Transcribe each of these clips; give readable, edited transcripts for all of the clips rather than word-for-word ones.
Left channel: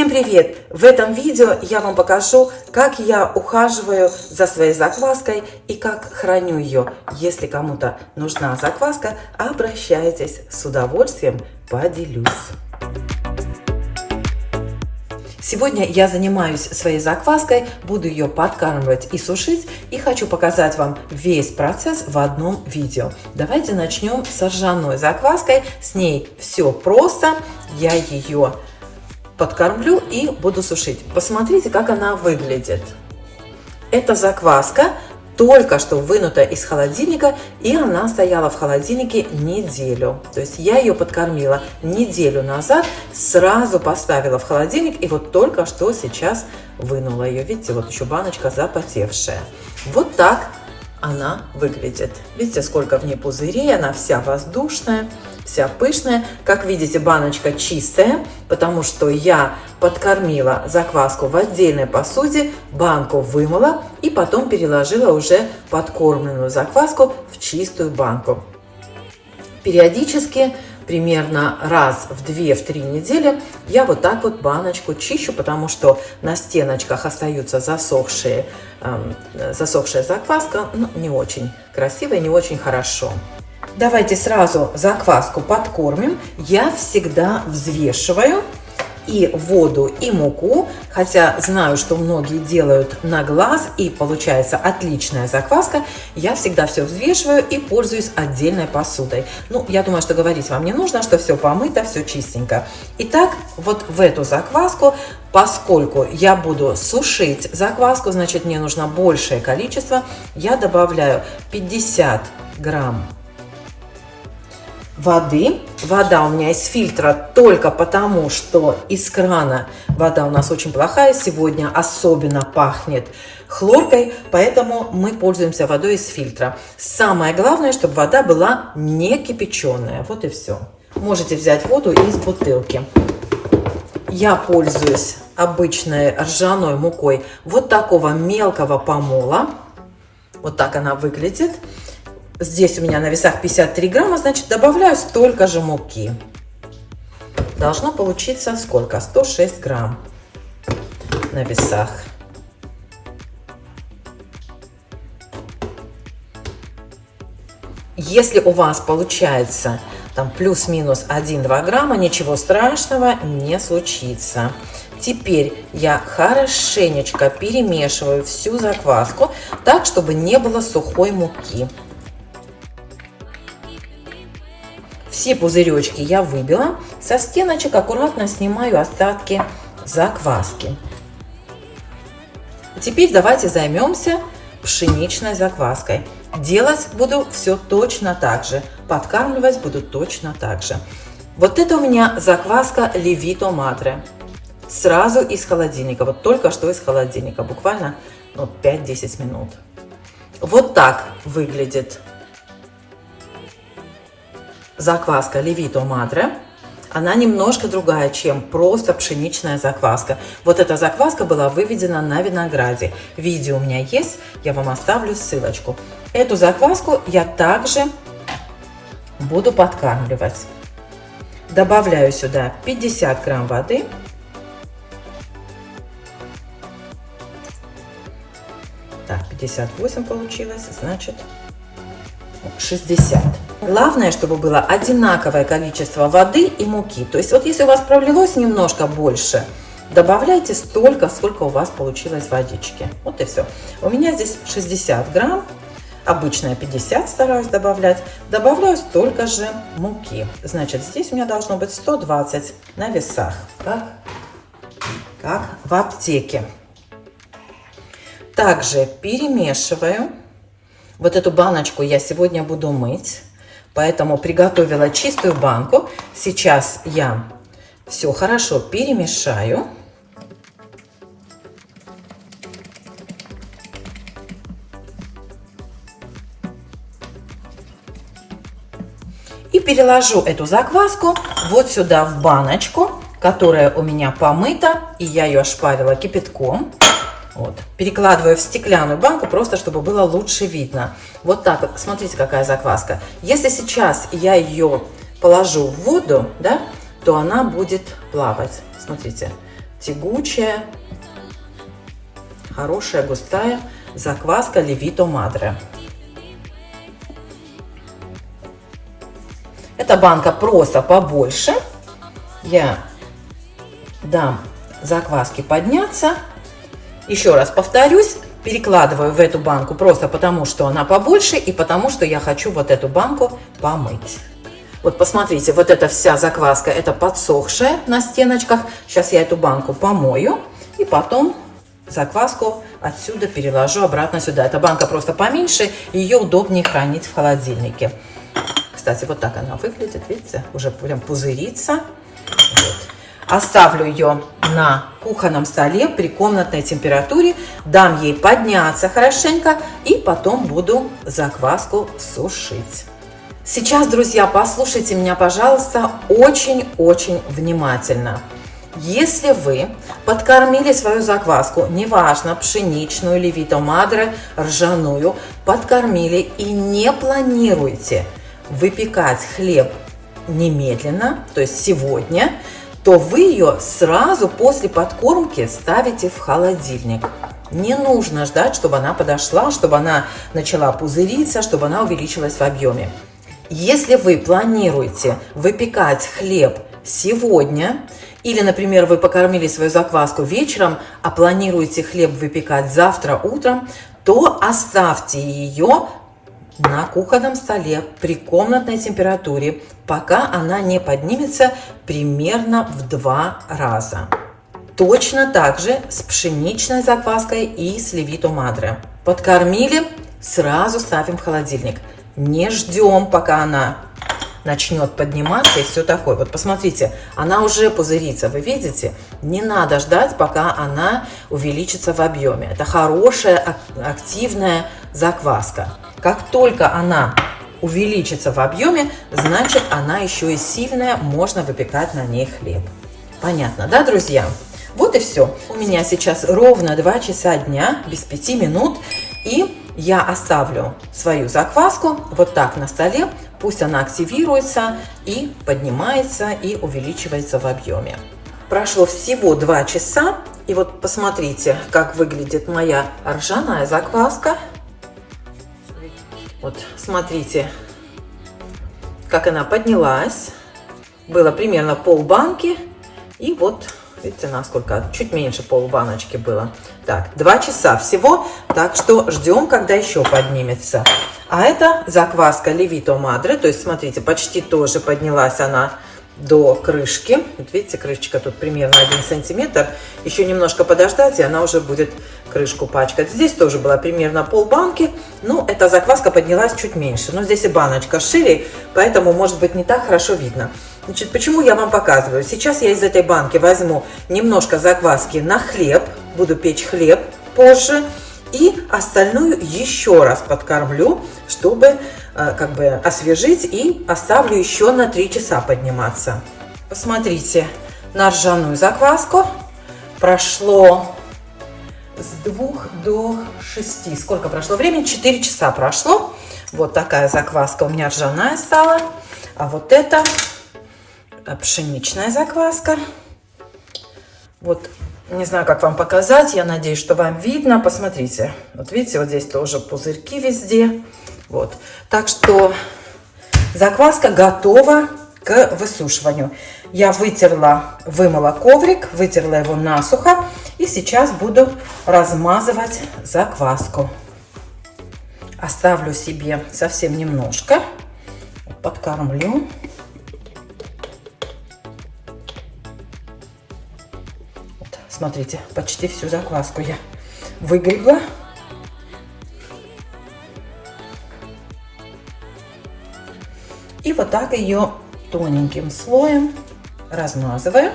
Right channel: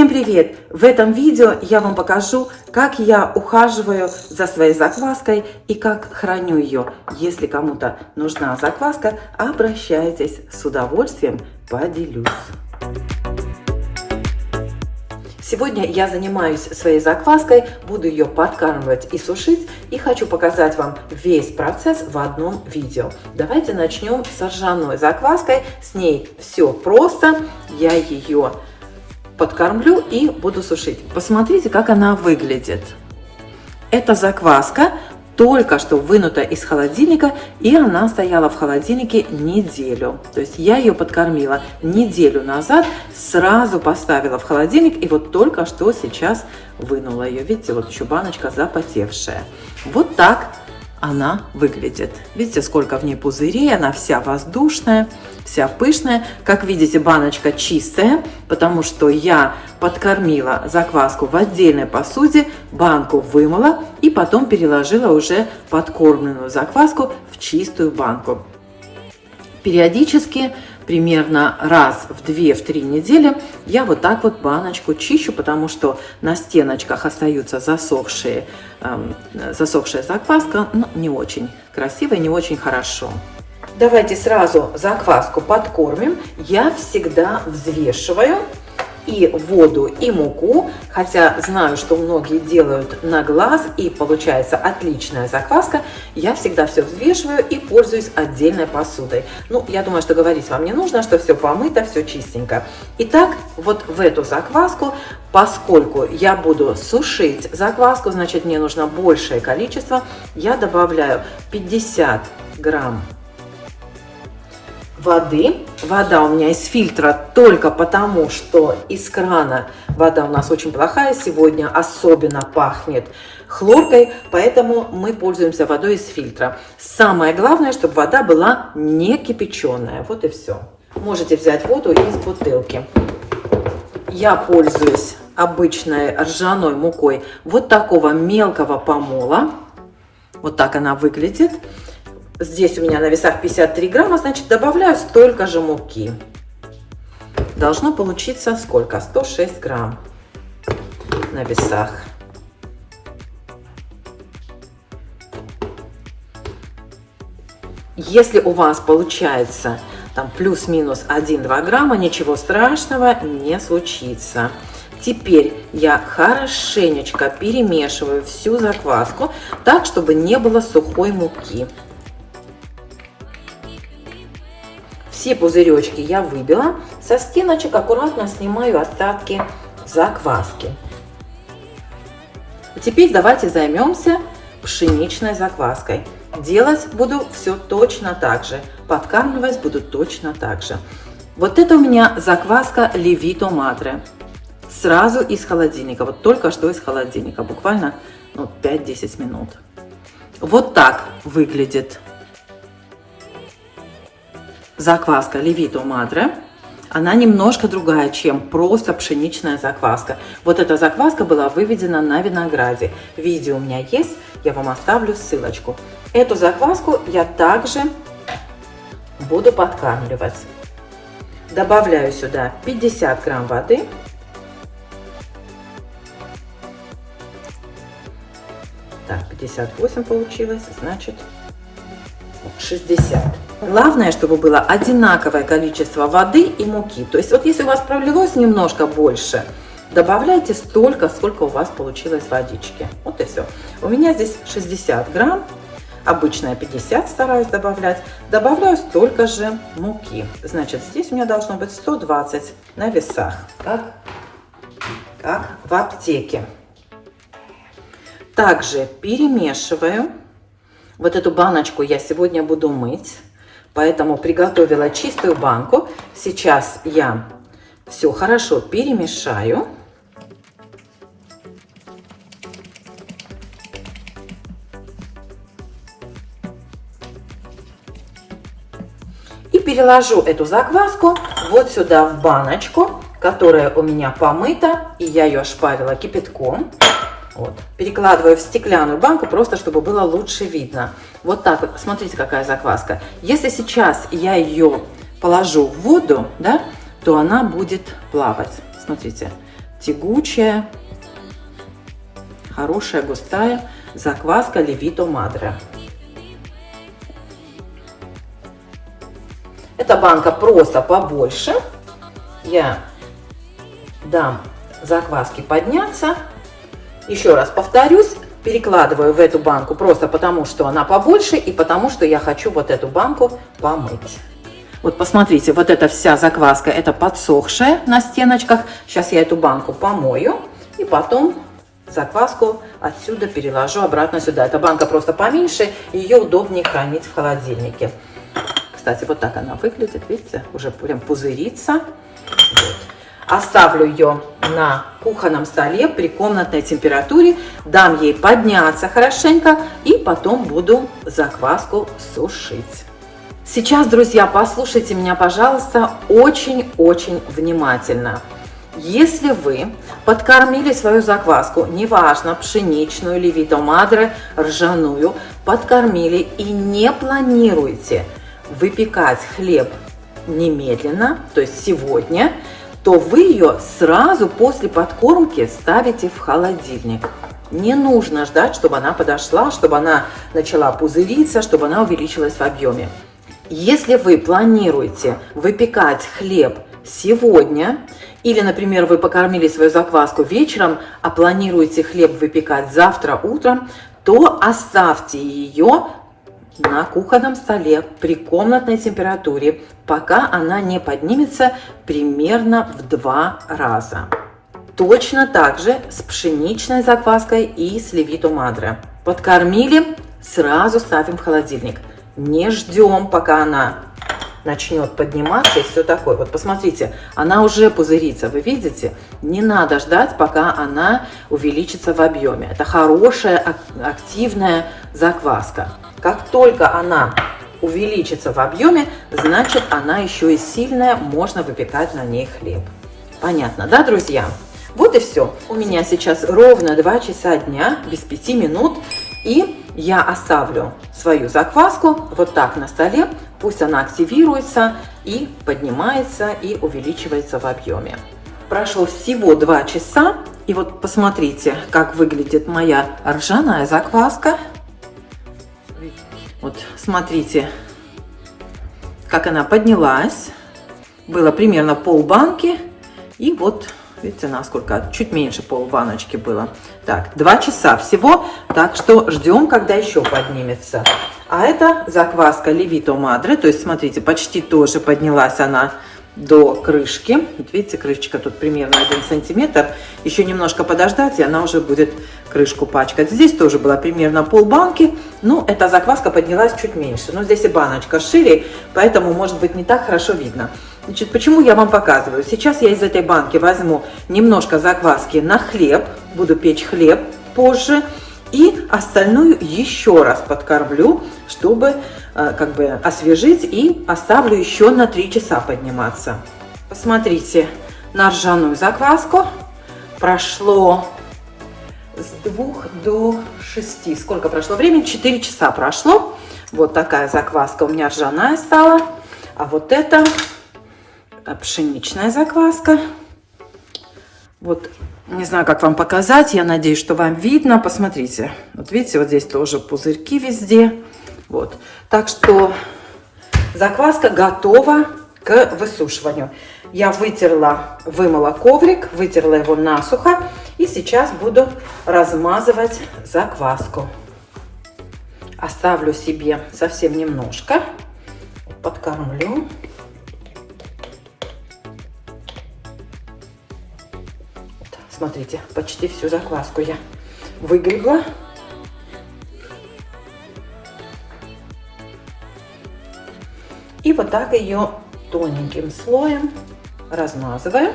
Всем привет! В этом видео я вам покажу, как я ухаживаю за своей закваской и как храню ее. Если кому-то нужна закваска, обращайтесь, с удовольствием поделюсь. Сегодня я занимаюсь своей закваской, буду ее подкармливать и сушить, и хочу показать вам весь процесс в одном видео. Давайте начнем с ржаной закваской. С ней все просто. Я ее подкормлю и буду сушить. Посмотрите, как она выглядит. Эта закваска только что вынута из холодильника, и она стояла в холодильнике неделю. То есть я ее подкормила неделю назад, сразу поставила в холодильник, и вот только что сейчас вынула ее. Видите, вот еще баночка запотевшая. Вот так она выглядит. Видите, сколько в ней пузырей, она вся воздушная, вся пышная. Как видите, баночка чистая, потому что я подкормила закваску в отдельной посуде, банку вымыла и потом переложила уже подкормленную закваску в чистую банку. Периодически, примерно раз в 2-3 недели, я вот так вот баночку чищу, потому что на стеночках остаются засохшая закваска, не очень красивая, не очень хорошо. Давайте сразу закваску подкормим. Я всегда взвешиваю и воду, и муку, хотя знаю, что многие делают на глаз, и получается отличная закваска. Я всегда все взвешиваю и пользуюсь отдельной посудой. Я думаю, что говорить вам не нужно, что все помыто, все чистенько. Итак, вот в эту закваску, поскольку я буду сушить закваску, значит, мне нужно большее количество, я добавляю 50 грамм воды. Вода у меня из фильтра только потому, что из крана вода у нас очень плохая. Сегодня особенно пахнет хлоркой, поэтому мы пользуемся водой из фильтра. Самое главное, чтобы вода была не кипяченая. Вот и все. Можете взять воду из бутылки. Я пользуюсь обычной ржаной мукой вот такого мелкого помола. Вот так она выглядит. Здесь у меня на весах 53 грамма, значит, добавляю столько же муки. Должно получиться сколько? 106 грамм на весах. Если у вас получается там плюс-минус 1-2 грамма, ничего страшного не случится. Теперь я хорошенечко перемешиваю всю закваску так, чтобы не было сухой муки. Все пузыречки я выбила. Со стеночек аккуратно снимаю остатки закваски. Теперь давайте займемся пшеничной закваской. Делать буду все точно так же. Подкармливать буду точно так же. Вот это у меня закваска Lievito Madre. Сразу из холодильника. Вот только что из холодильника. Буквально 5-10 минут. Вот так выглядит закваска Lievito Madre. Она немножко другая, чем просто пшеничная закваска. Вот эта закваска была выведена на винограде. Видео у меня есть, я вам оставлю ссылочку. Эту закваску я также буду подкармливать. Добавляю сюда 50 грамм воды. Так, 58 получилось, значит 60. Главное, чтобы было одинаковое количество воды и муки. То есть вот если у вас пролилось немножко больше, добавляйте столько, сколько у вас получилось водички. Вот и все. У меня здесь 60 грамм. Обычно я 50 стараюсь добавлять. Добавляю столько же муки. Значит, здесь у меня должно быть 120 на весах. Как в аптеке. Также перемешиваю. Вот эту баночку я сегодня буду мыть, поэтому приготовила чистую банку. Сейчас я все хорошо перемешаю. И переложу эту закваску вот сюда в баночку, которая у меня помыта, и я ее ошпарила кипятком. Вот. Перекладываю в стеклянную банку, просто чтобы было лучше видно. Вот так вот. Смотрите, какая закваска. Если сейчас я ее положу в воду, да, то она будет плавать. Смотрите, тягучая, хорошая, густая закваска Левито Мадре. Эта банка просто побольше. Я дам закваске подняться. Еще раз повторюсь, перекладываю в эту банку просто потому, что она побольше и потому, что я хочу вот эту банку помыть. Вот посмотрите, вот эта вся закваска, это подсохшая на стеночках. Сейчас я эту банку помою и потом закваску отсюда переложу обратно сюда. Эта банка просто поменьше, ее удобнее хранить в холодильнике. Кстати, вот так она выглядит, видите, уже прям пузырится. Вот. Оставлю ее на кухонном столе при комнатной температуре, дам ей подняться хорошенько и потом буду закваску сушить. Сейчас, друзья, послушайте меня, пожалуйста, очень-очень внимательно. Если вы подкормили свою закваску, неважно, пшеничную, Левито Мадре, ржаную, подкормили и не планируете выпекать хлеб немедленно, то есть сегодня, то вы ее сразу после подкормки ставите в холодильник. Не нужно ждать, чтобы она подошла, чтобы она начала пузыриться, чтобы она увеличилась в объеме. Если вы планируете выпекать хлеб сегодня, или, например, вы покормили свою закваску вечером, а планируете хлеб выпекать завтра утром, то оставьте ее на кухонном столе при комнатной температуре, пока она не поднимется примерно в 2 раза. Точно так же с пшеничной закваской и с Левито Мадре. Подкормили, сразу ставим в холодильник. Не ждем, пока она начнет подниматься и все такое. Вот посмотрите, она уже пузырится, вы видите? Не надо ждать, пока она увеличится в объеме. Это хорошая, активная закваска. Как только она увеличится в объеме, значит, она еще и сильная, можно выпекать на ней хлеб. Понятно, да, друзья? Вот и все. У меня сейчас ровно 2 часа дня, без 5 минут. И я оставлю свою закваску вот так на столе. Пусть она активируется и поднимается, и увеличивается в объеме. Прошло всего 2 часа. И вот посмотрите, как выглядит моя ржаная закваска. Вот смотрите, как она поднялась. Было примерно полбанки. И вот, видите, насколько, чуть меньше полбаночки было. Так, 2 часа всего, так что ждем, когда еще поднимется. А это закваска Левито Мадре, то есть, смотрите, почти тоже поднялась она до крышки. Вот видите, крышечка тут примерно 1 сантиметр. Еще немножко подождать, и она уже будет крышку пачкать. Здесь тоже было примерно полбанки. Ну, эта закваска поднялась чуть меньше. Но здесь и баночка шире, поэтому, может быть, не так хорошо видно. Значит, почему я вам показываю? Сейчас я из этой банки возьму немножко закваски на хлеб. Буду печь хлеб позже. И остальную еще раз подкормлю, чтобы как бы освежить, и оставлю еще на 3 часа подниматься. Посмотрите на ржаную закваску. Прошло с 2 до 6. Сколько прошло времени? 4 часа прошло. Вот такая закваска у меня ржаная стала. А вот это пшеничная закваска. Вот, не знаю, как вам показать. Я надеюсь, что вам видно. Посмотрите. Вот видите, вот здесь тоже пузырьки везде. Вот. Так что закваска готова к высушиванию. Я вымыла коврик, вытерла его насухо. И сейчас буду размазывать закваску. Оставлю себе совсем немножко. Подкормлю. Вот, смотрите, почти всю закваску я выгребла. И вот так ее тоненьким слоем размазываю.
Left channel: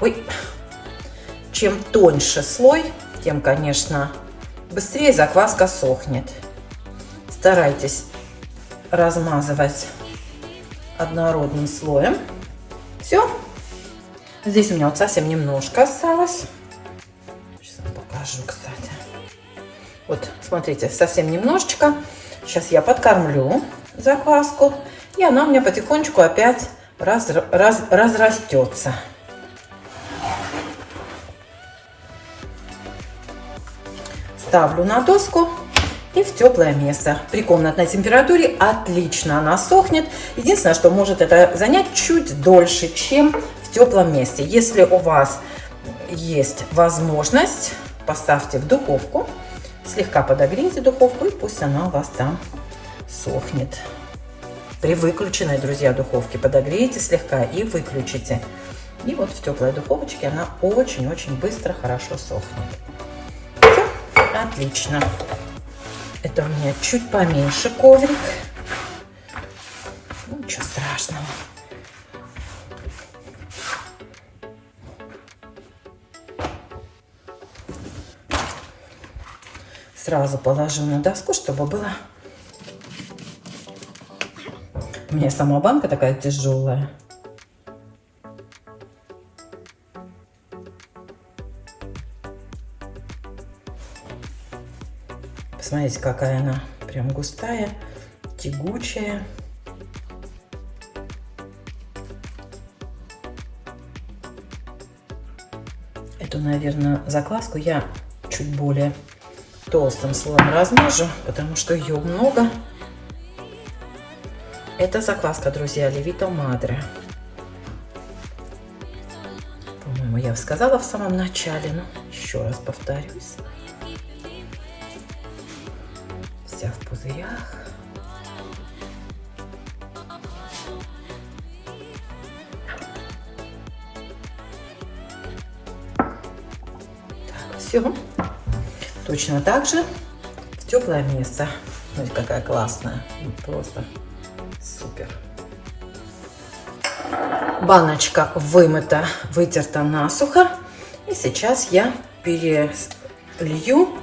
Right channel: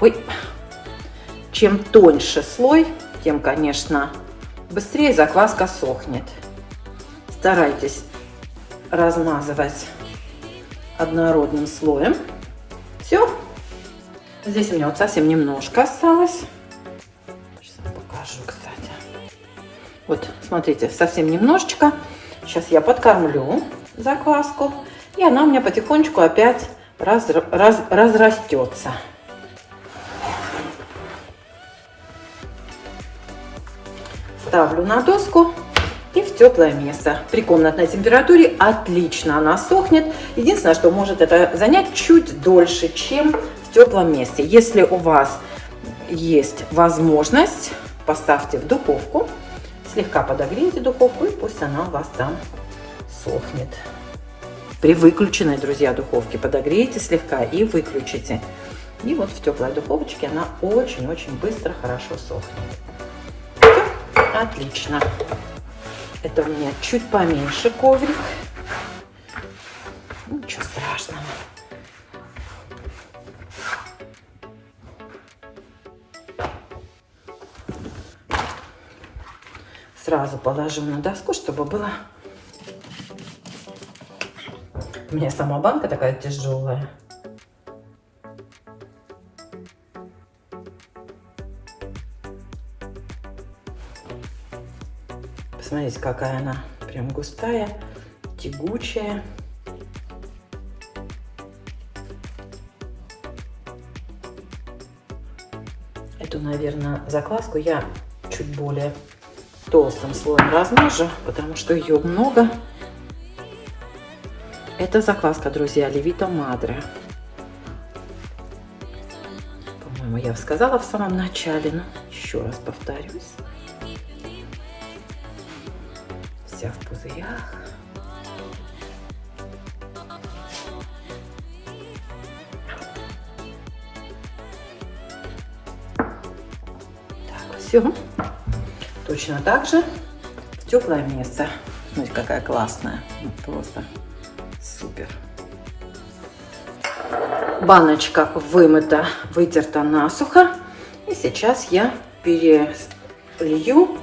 Ой, чем тоньше слой, тем, конечно, быстрее закваска сохнет. Старайтесь размазывать однородным слоем. Все. Здесь у меня вот совсем немножко осталось. Сейчас покажу, кстати. Вот Смотрите, совсем немножечко. Сейчас я подкормлю закваску, и она у меня потихонечку опять разрастется. Ставлю на доску и в теплое место. При комнатной температуре отлично она сохнет. Единственное, что может это занять чуть дольше, чем в теплом месте. Если у вас есть возможность, поставьте в духовку, слегка подогрейте духовку, и пусть она у вас там сохнет. При выключенной, друзья, духовке подогрейте слегка и выключите. И вот в теплой духовочке она очень-очень быстро, хорошо сохнет. Все, отлично. Это у меня чуть поменьше коврик. Ничего страшного. Сразу положу на доску, чтобы было... У меня сама банка такая тяжелая. Посмотрите, какая она прям густая, тягучая. Эту, наверное, закваску я чуть более толстым слоем размажу, потому что ее много. Это закваска, друзья, Левита Мадре. По-моему, я сказала в самом начале, но еще раз повторюсь. Вся в пузырях. Так, все. Точно так же в теплое место. Смотрите, какая классная. Просто супер. Баночка вымыта, вытерта насухо. И сейчас я перелью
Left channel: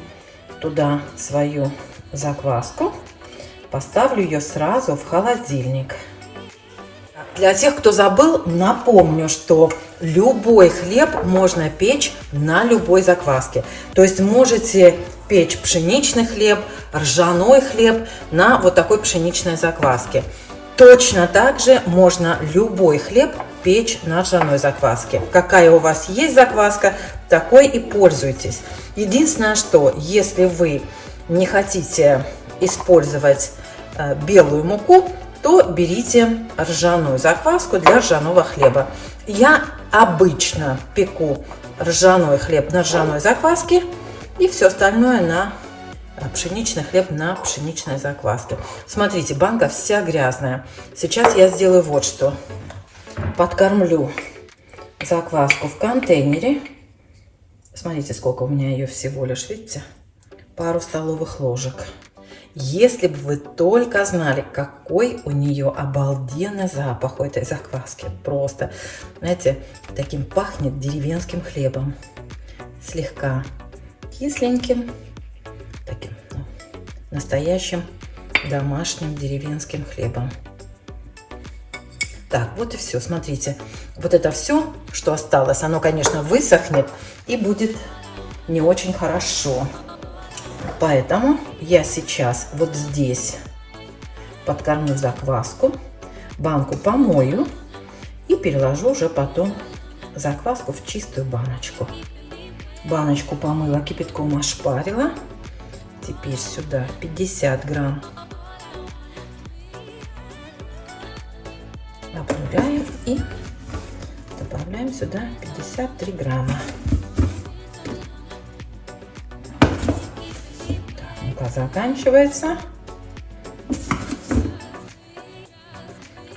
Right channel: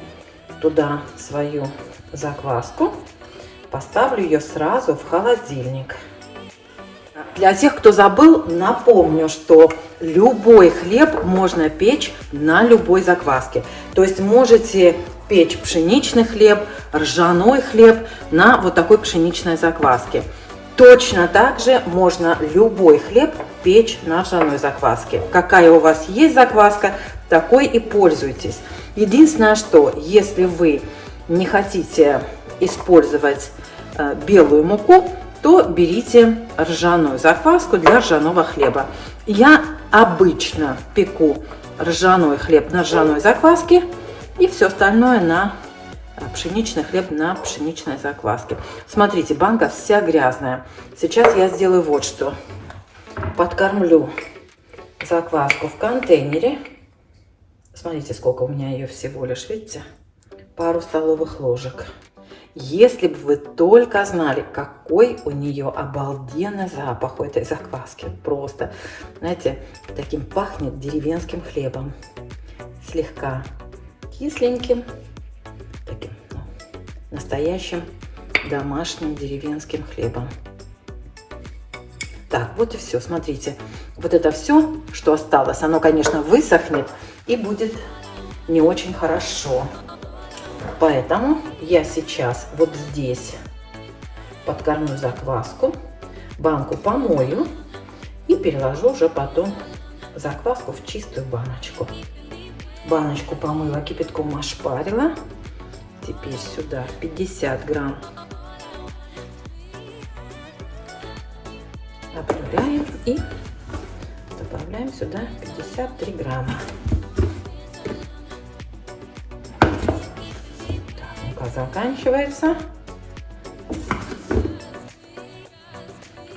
туда свою закваску. Поставлю ее сразу в холодильник. Для тех, кто забыл, напомню, что любой хлеб можно печь на любой закваске. То есть можете печь пшеничный хлеб, ржаной хлеб на вот такой пшеничной закваске. Точно так же можно любой хлеб печь на ржаной закваске. Какая у вас есть закваска, такой и пользуйтесь. Единственное, что если вы не хотите использовать белую муку, то берите ржаную закваску для ржаного хлеба. Я обычно пеку ржаной хлеб на ржаной закваске и все остальное на пшеничный хлеб на пшеничной закваске. Смотрите, банка вся грязная. Сейчас я сделаю вот что. Подкормлю закваску в контейнере. Смотрите, сколько у меня ее всего лишь, видите? Пару столовых ложек. Если бы вы только знали, какой у нее обалденный запах у этой закваски. Просто, знаете, таким пахнет деревенским хлебом. Слегка кисленьким, таким настоящим домашним деревенским хлебом. Так, вот и все. Смотрите, вот это все, что осталось, оно, конечно, высохнет и будет не очень хорошо. Поэтому я сейчас вот здесь подкормлю закваску, банку помою и переложу уже потом закваску в чистую баночку. Баночку помыла, кипятком ошпарила. Теперь сюда 50 грамм обнуляем и добавляем сюда 53 грамма. Заканчивается.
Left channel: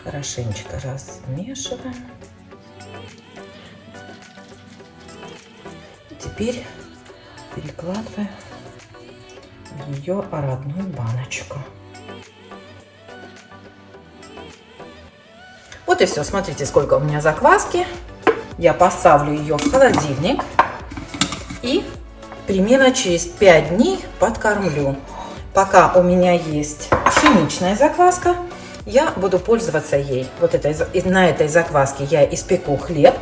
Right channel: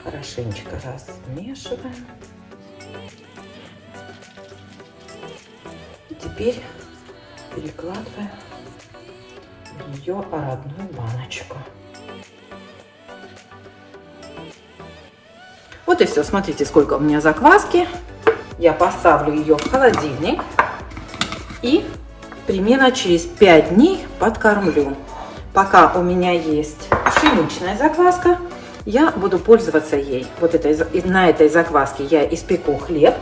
Хорошенечко размешиваем. И теперь перекладываем в ее родную баночку. Вот и все. Смотрите, сколько у меня закваски. Я поставлю ее в холодильник и примерно через 5 дней подкормлю. Пока у меня есть пшеничная закваска, я буду пользоваться ей. Вот на этой закваске я испеку хлеб.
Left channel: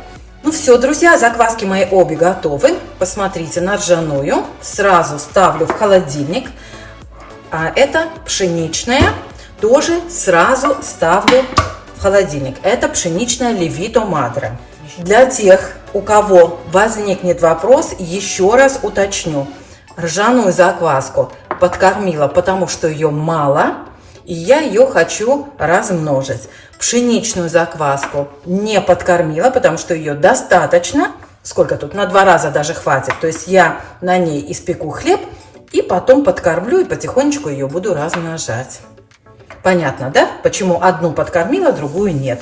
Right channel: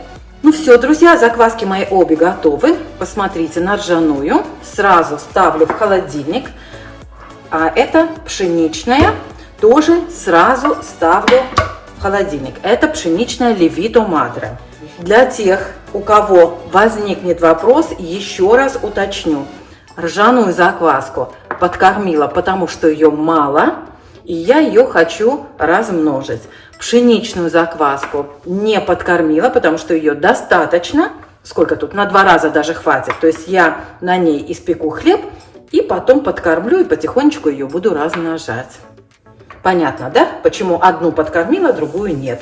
Ну все, друзья, закваски мои обе готовы. Посмотрите, на ржаную сразу ставлю в холодильник. А это пшеничная, тоже сразу ставлю в холодильник. Это пшеничная Левито Мадре. Для тех, у кого возникнет вопрос, еще раз уточню. Ржаную закваску подкормила, потому что ее мало, и я ее хочу размножить. Пшеничную закваску не подкормила, потому что ее достаточно. Сколько тут? На 2 раза даже хватит. То есть я на ней испеку хлеб и потом подкормлю и потихонечку ее буду размножать. Понятно, да? Почему одну подкормила, другую нет.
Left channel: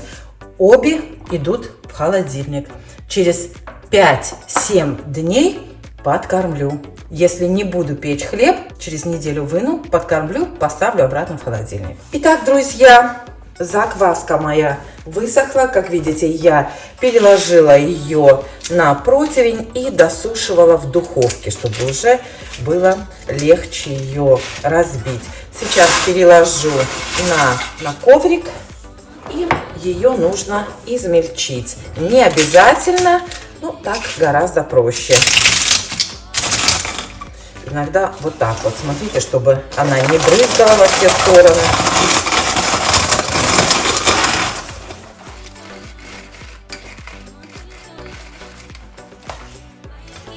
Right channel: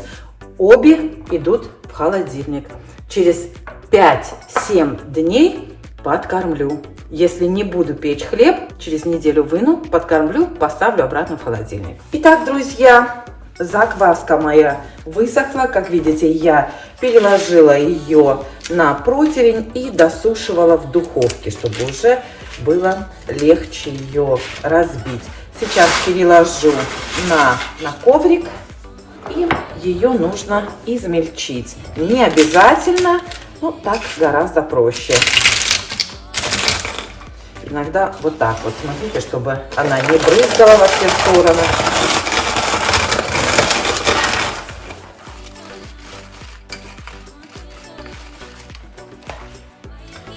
Обе идут в холодильник. Через 5-7 дней подкормлю. Если не буду печь хлеб, через неделю выну, подкормлю, поставлю обратно в холодильник. Итак, друзья, закваска моя высохла. Как видите, я переложила ее на противень и досушивала в духовке, чтобы уже было легче ее разбить. Сейчас переложу на коврик, и ее нужно измельчить. Не обязательно, но так гораздо проще. Иногда вот так вот, смотрите, чтобы она не брызгала во все стороны.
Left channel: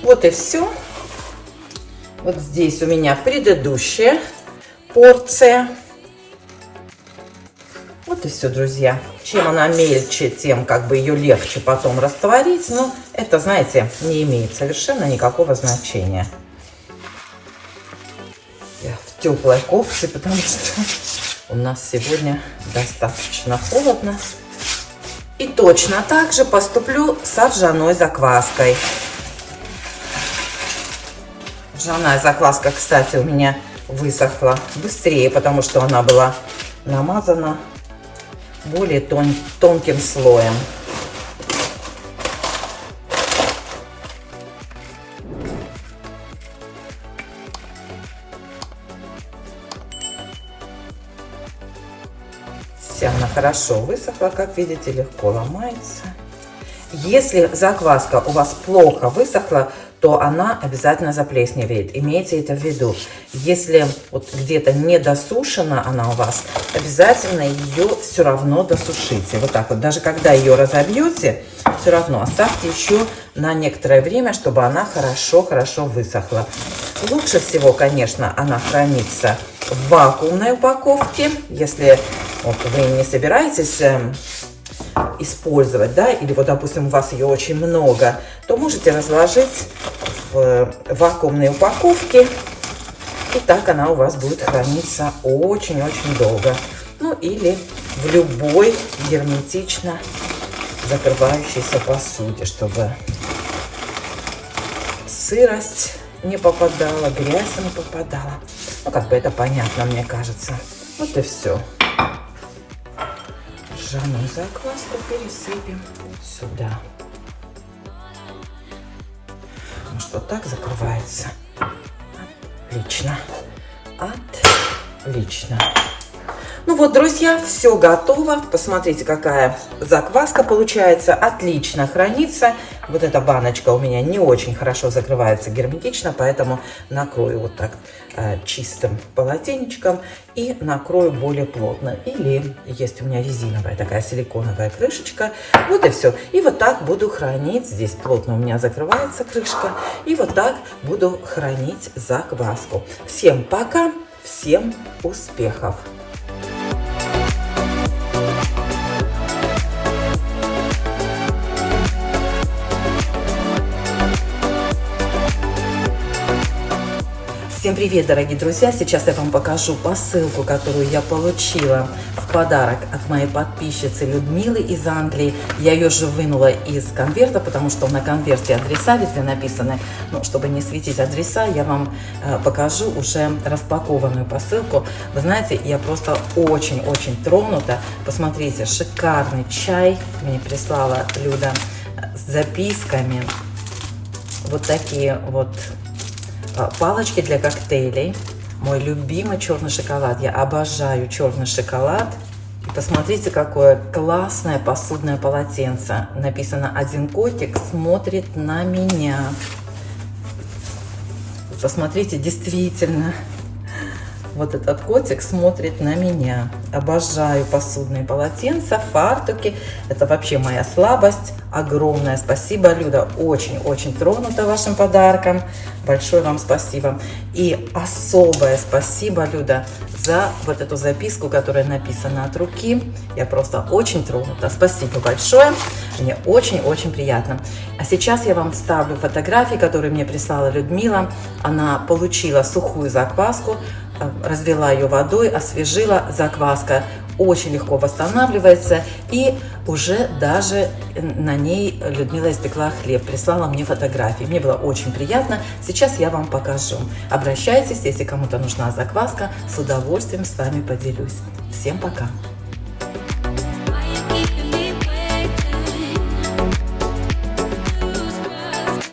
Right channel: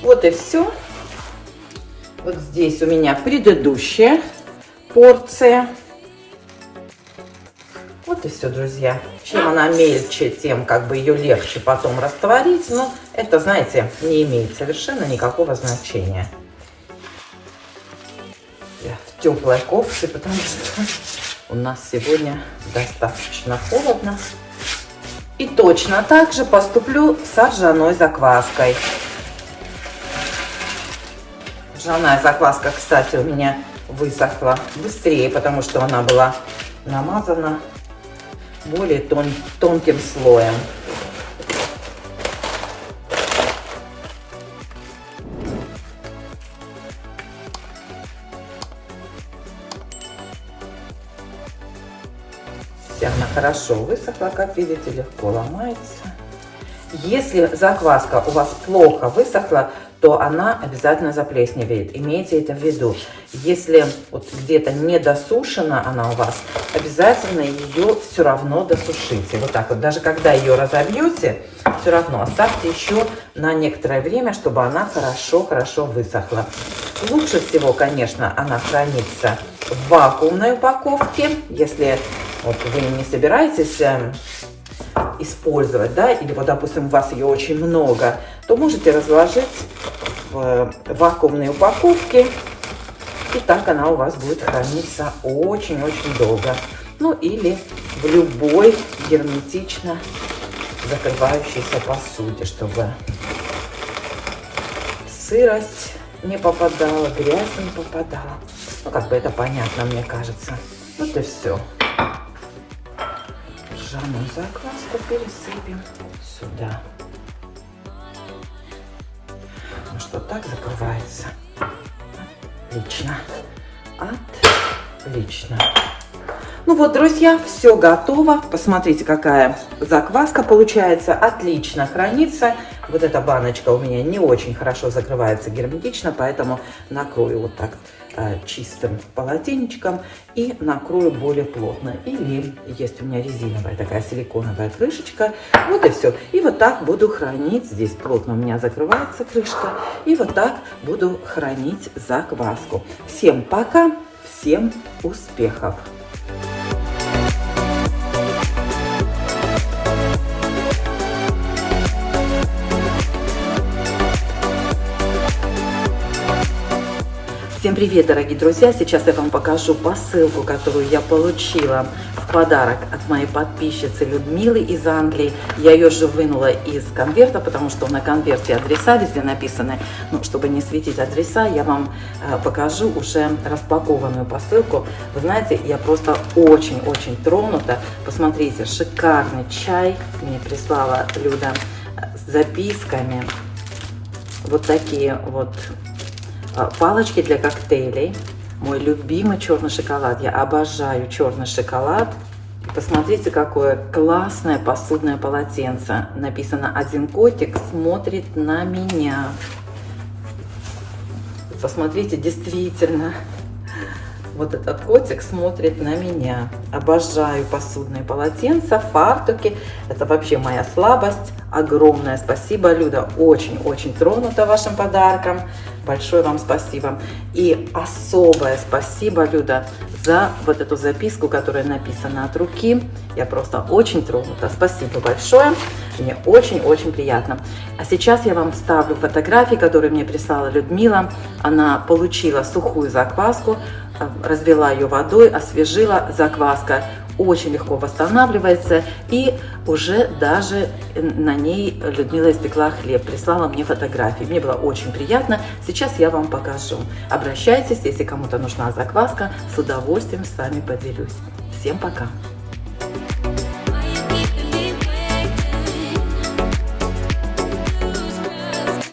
Вот и все. Вот здесь у меня предыдущая порция. Вот и все, друзья. Чем она мельче, тем как бы ее легче потом растворить. Но это, знаете, не имеет совершенно никакого значения. Я в теплой кофте, потому что у нас сегодня достаточно холодно. И точно так же поступлю с ржаной закваской. Ржаная закваска, кстати, у меня высохла быстрее, потому что она была намазана более тонким слоем. Все, она хорошо высохла, как видите, легко ломается. Если закваска у вас плохо высохла, то она обязательно заплесневеет. Имейте это в виду. Если вот где-то не досушена она у вас, обязательно ее все равно досушите. Вот так вот. Даже когда ее разобьете, все равно оставьте еще на некоторое время, чтобы она хорошо высохла. Лучше всего, конечно, она хранится в вакуумной упаковке. Если вот вы не собираетесь использовать, да, или вот, допустим, у вас ее очень много, то можете разложить в вакуумной упаковке, и так она у вас будет храниться очень-очень долго. Ну, или в любой герметично закрывающейся посуде, чтобы сырость не попадала, грязь не попадала. Ну, как бы это понятно, мне кажется. Вот и все. Ржаную закваску пересыпем сюда. Ну что, так закрывается. Отлично. Отлично. Ну вот, друзья, все готово. Посмотрите, какая закваска получается. Отлично хранится. Вот эта баночка у меня не очень хорошо закрывается герметично, поэтому накрою вот так чистым полотенечком и накрою более плотно. Или есть у меня резиновая такая силиконовая крышечка. Вот и все. И вот так буду хранить. Здесь плотно у меня закрывается крышка. И вот так буду хранить закваску. Всем пока, всем успехов! Всем привет, дорогие друзья! Сейчас я вам покажу посылку, которую я получила в подарок от моей подписчицы Людмилы из Англии. Я ее же вынула из конверта, потому что на конверте адреса везде написаны. Ну, чтобы не светить адреса, я вам покажу уже распакованную посылку. Вы знаете, я просто очень-очень тронута. Посмотрите, шикарный чай мне прислала Люда с записками. Вот такие вот палочки для коктейлей. Мой любимый черный шоколад. Я обожаю черный шоколад. И посмотрите, какое классное посудное полотенце. Написано: один котик смотрит на меня. Посмотрите, действительно, вот этот котик смотрит на меня. Обожаю посудные полотенца, фартуки. Это вообще моя слабость. Огромное спасибо, Люда. Очень-очень тронута вашим подарком. Большое вам спасибо. И особое спасибо, Люда, за вот эту записку, которая написана от руки. Я просто очень тронута. Спасибо большое. Мне очень-очень приятно. А сейчас я вам вставлю фотографии, которые мне прислала Людмила. Она получила сухую закваску, развела ее водой, освежила. Закваска очень легко восстанавливается, и уже даже на ней Людмила испекла хлеб, прислала мне фотографии. Мне было очень приятно. Сейчас я вам покажу. Обращайтесь, если кому-то нужна закваска, с удовольствием с вами поделюсь. Всем пока!